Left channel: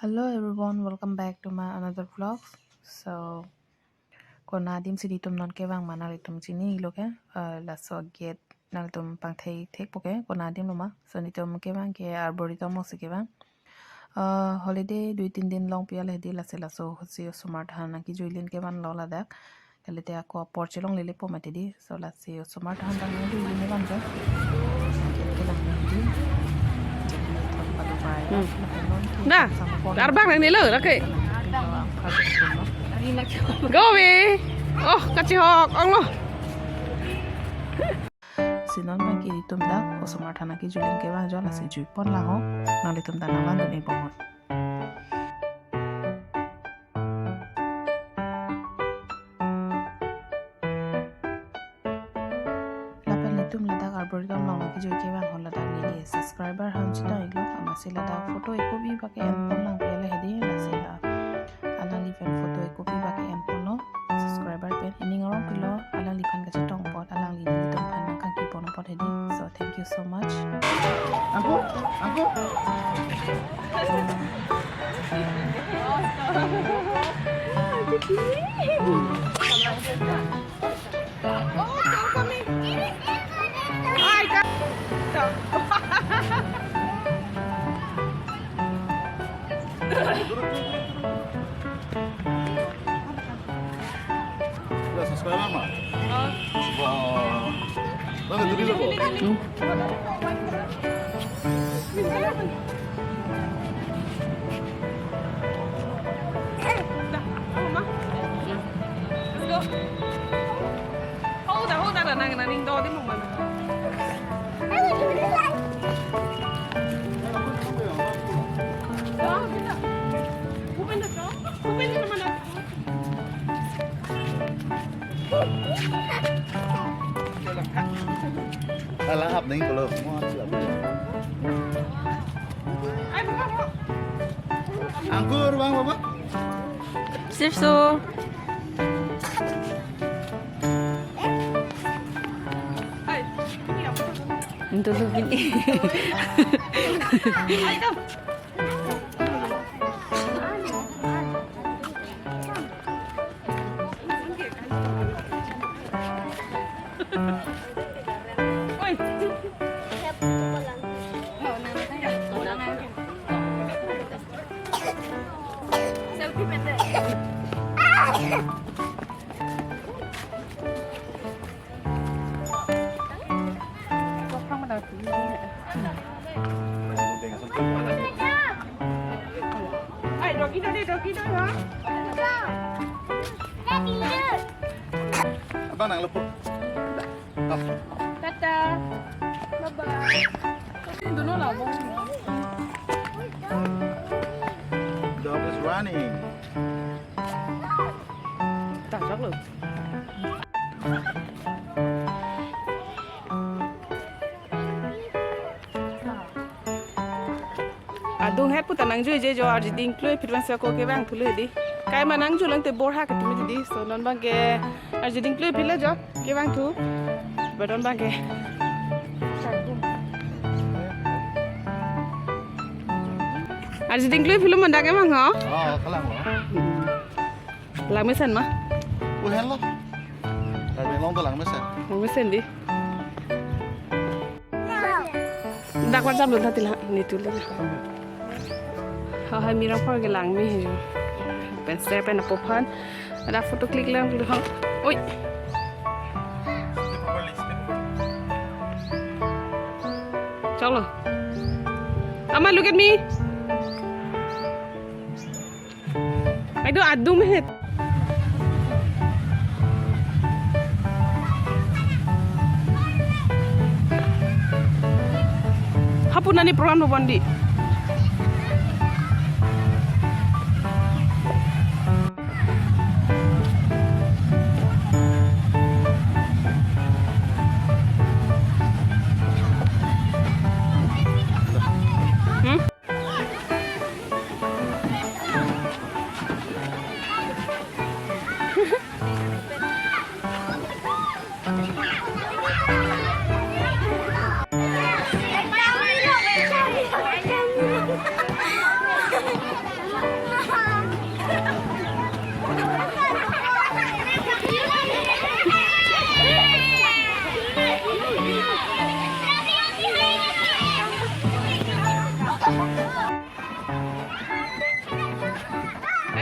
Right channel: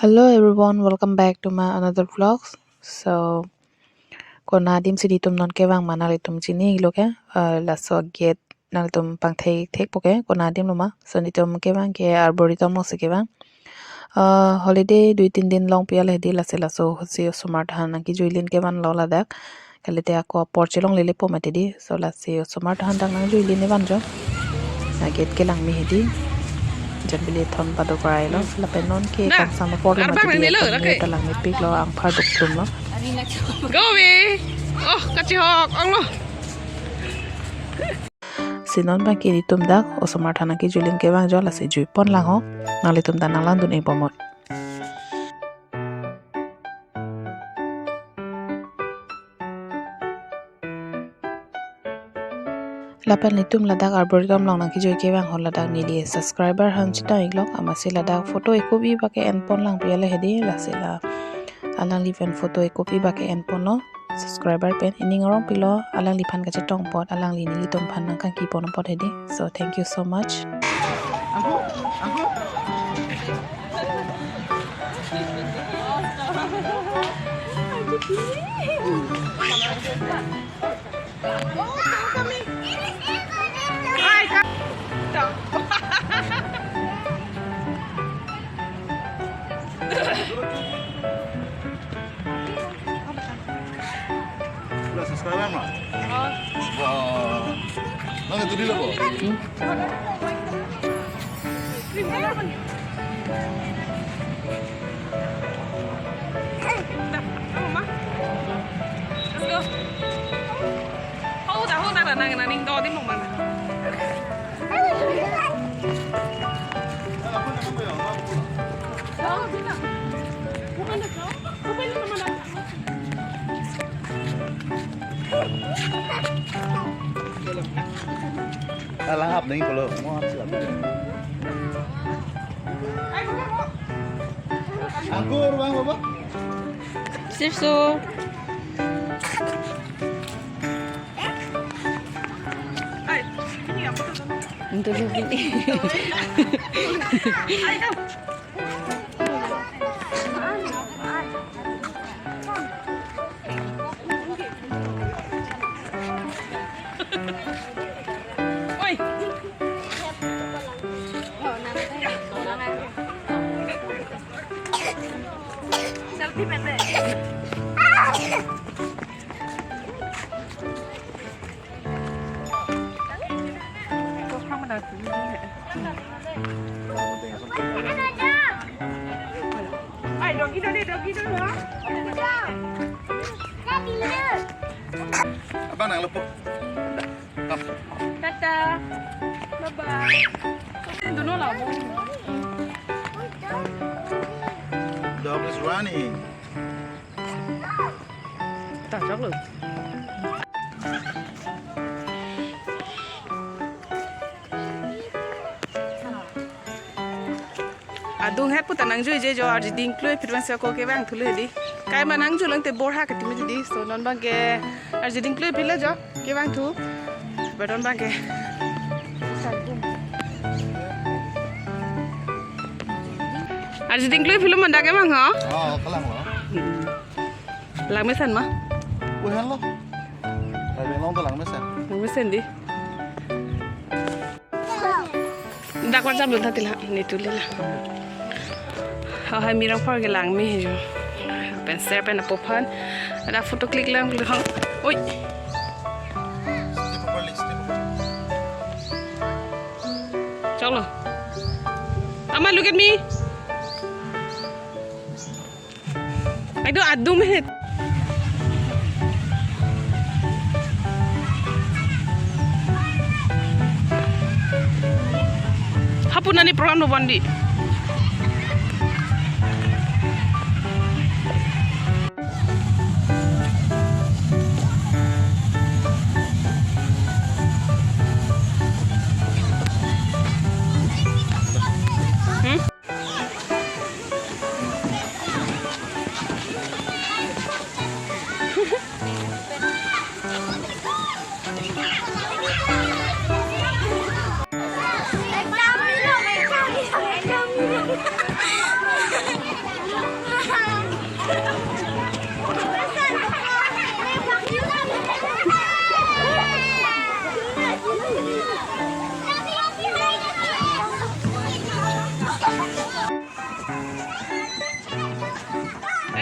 Hello everyone, welcome back to my another vlogs. So, kona adim sidi tum non kewang manali tum chini loke la so get nal tum pang thek poke kona adim luma so ni tum kewang ke arboritom no se kewang holiday 2-3 din long pial hedi la se la so hosi Osomar han ki joilin kewan lo la dak kalite ako Apor chelong lele po matedi so la se Osomar han dang nang joilin ne banjo get kelang mi hedi jambili thon padu parai lo la penon ke kam sama por arbang nang nilo ra ke talang ni pik lo ang phar duk tum lo go we oh kachi hok ong lo sinon ba ke tum dak Osomar thana ki julin ke bang jo la se jui pon lang ho nali tum dan lang dun ei pomot lapan nitum ladak arboritom long nang ki joi ke bang hol ladak ni die subscriber han chita iglok amase ladak photo ekobi ba ke en pon lang piale hedi la se la alang liven photo ekobi ba ke en pon no subscriber pen ining orong pilo alang lipan ka chetong pot alang li ni tom phan nang kan ki pon pot hedi so thank you so much subscriber mah. Wah. Mana tu dulu kok? let's go hold on nang ning do di mong mong Alah ap ni kalau mau siap. Anggur bang apa? susu dulu ini Abang nak lepuk. Kom. tata bye bye duno la mo Dog is running. ta chok lo adung het puta nang jui je jo arji ding kloi pitwan sa ko ke bang thule di kai ma nang julang te bor ha ka timi di so non bang ke arji ding kloi pile jo ke bang thu badon bang ke arji ding kloi pile man da ke bang ha Oh, kelang lo. lang me san ma Uhen lo. Tapi long tu lang mesen. lang me sen di dak wan jam lu tha tila ni tu le la hai mi rang phor ke lang me he jo pen ser pen apo phan ada photo click lang lu hang oi Step properly, step properly. chalo ama look at me I do adum het hapunani program no bandi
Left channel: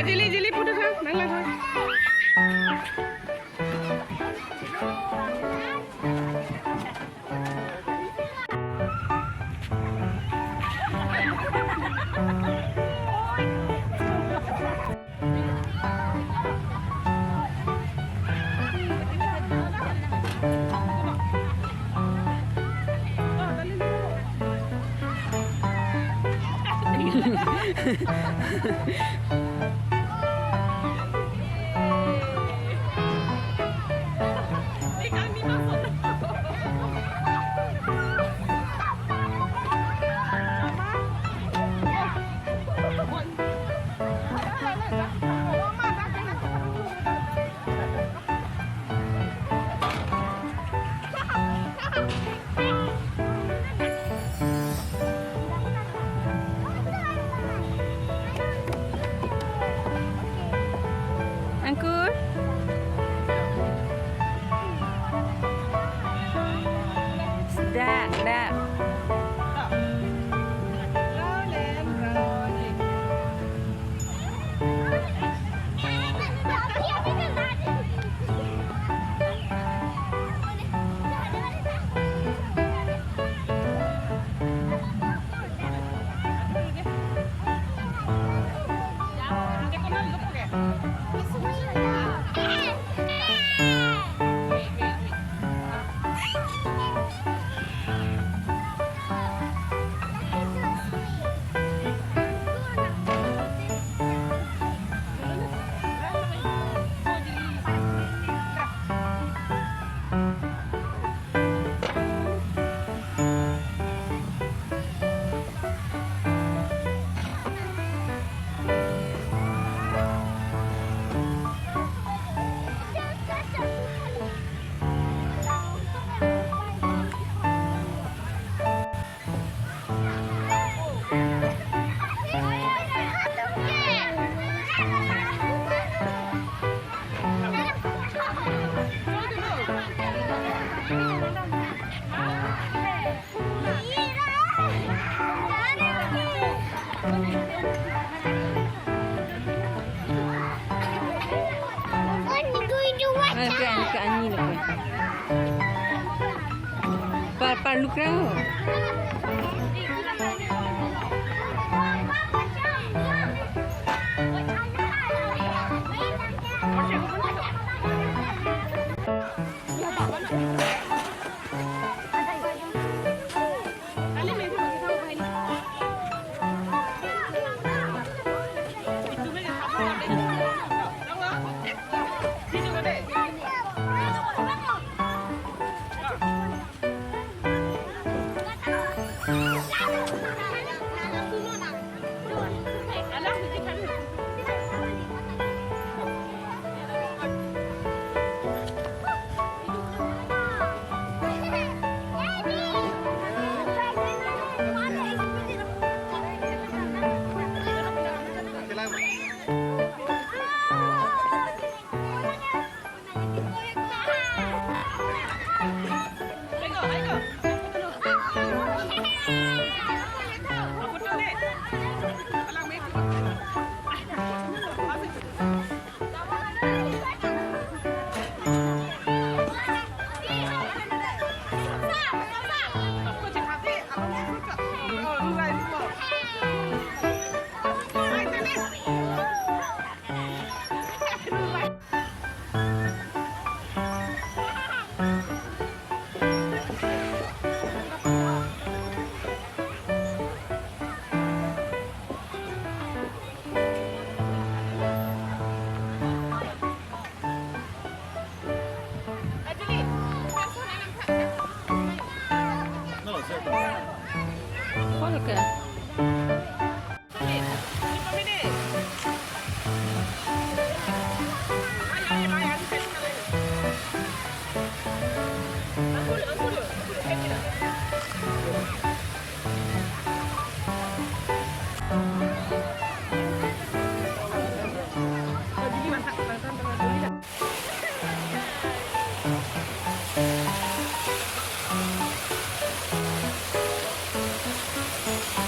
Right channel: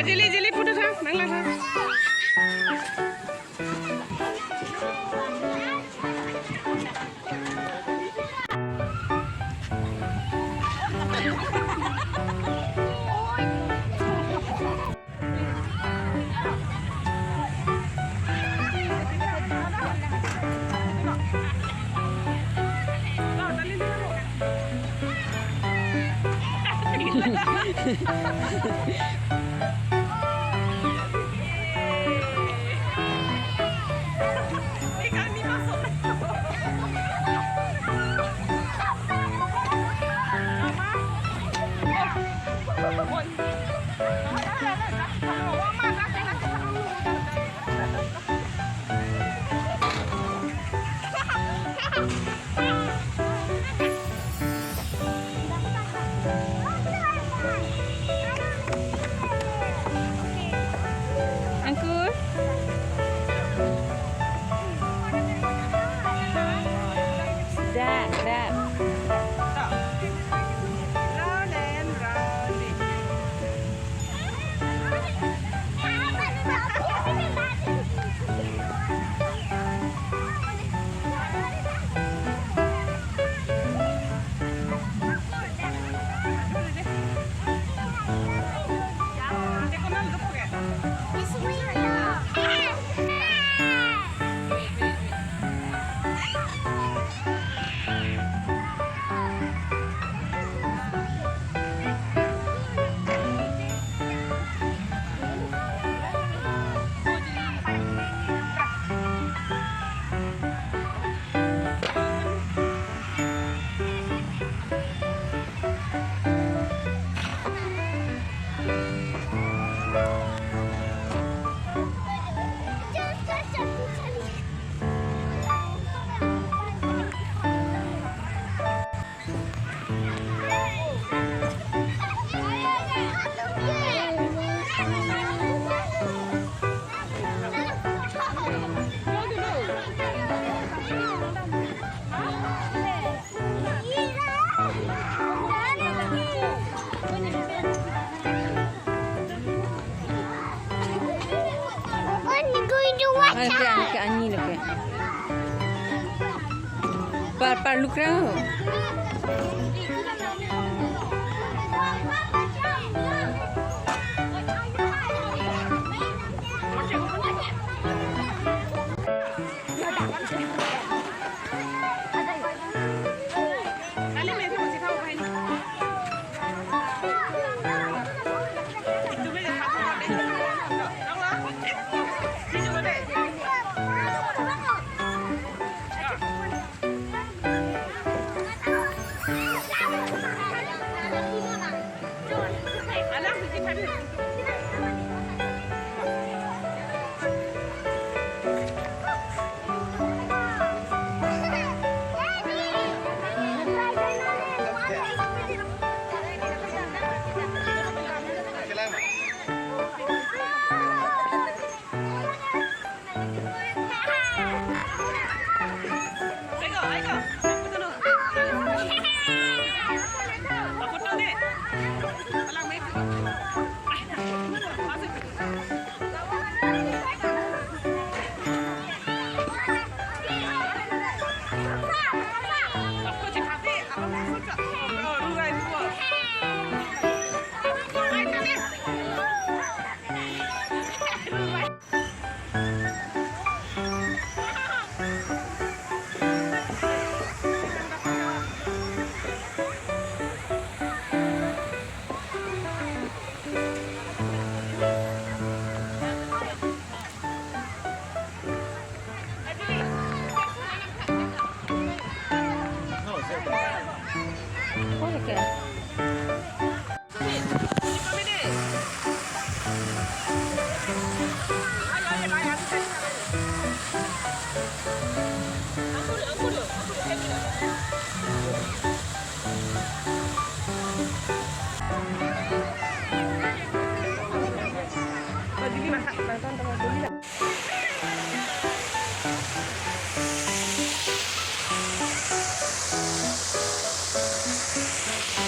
Jeli putus ha, nanglah ha. Angkur. Dah. Ke ani lagi. Par look rao. Ke?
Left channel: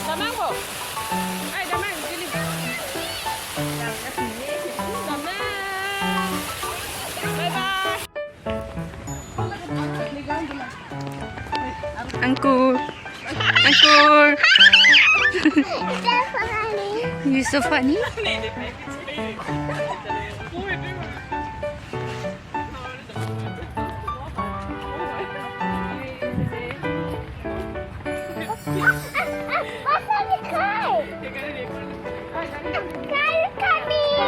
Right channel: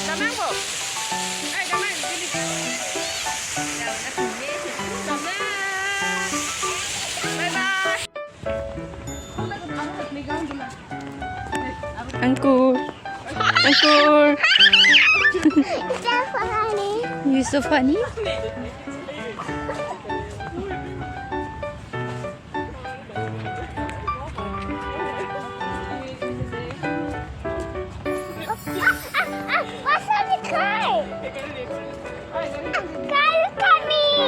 Damang po. Ay, damang. Sini. Angkur. Angkur. You're so funny. What's on the car? Car is coming.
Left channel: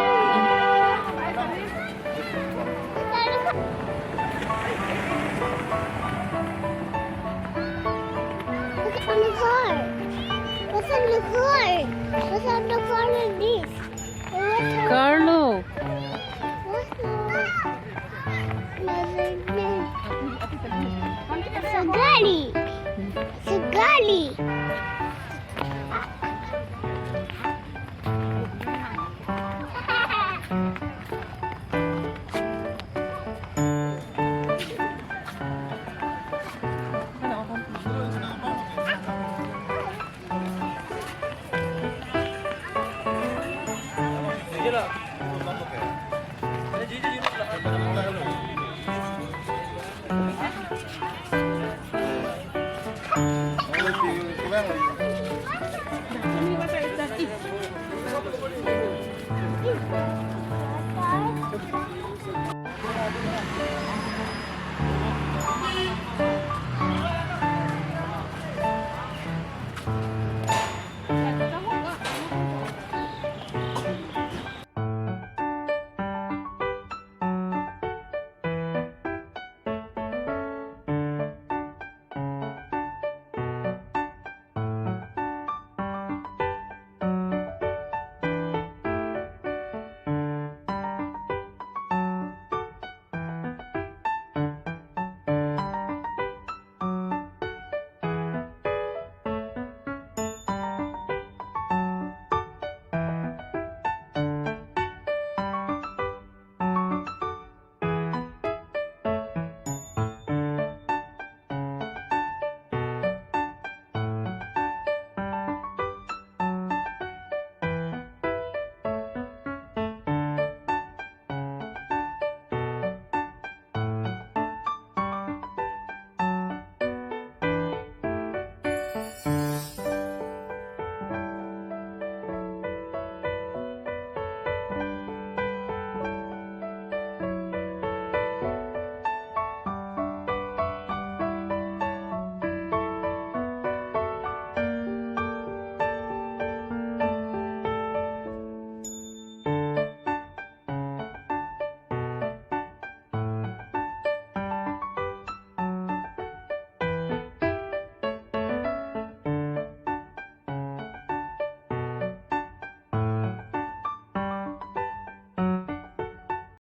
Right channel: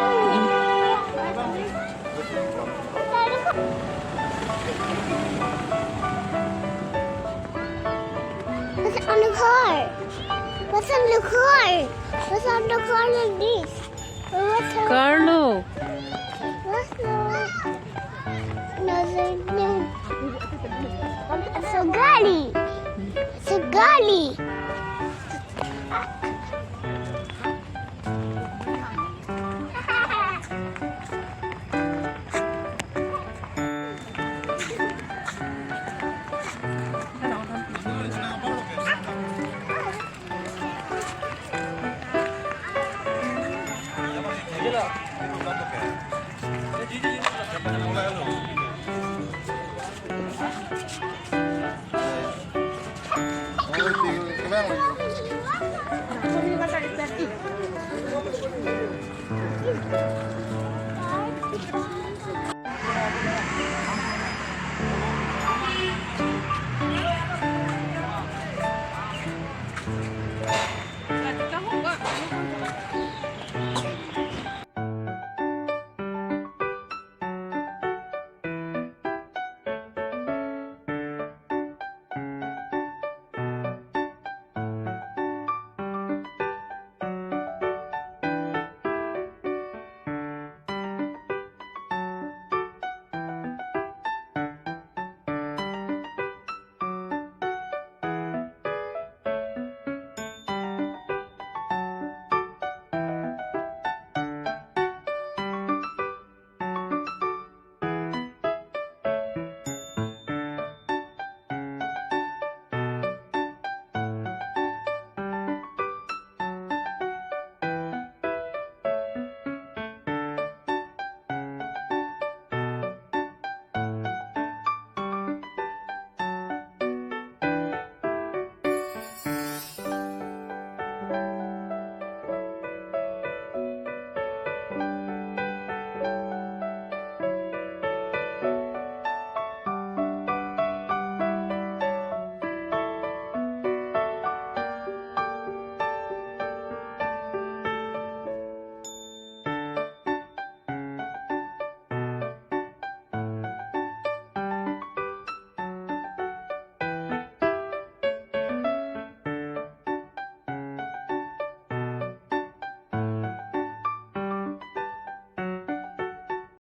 What's on the car? What's on the car? What's on the car like this? What's on Carlo. what's no. It's a gully. It's a gully. Cái bang này.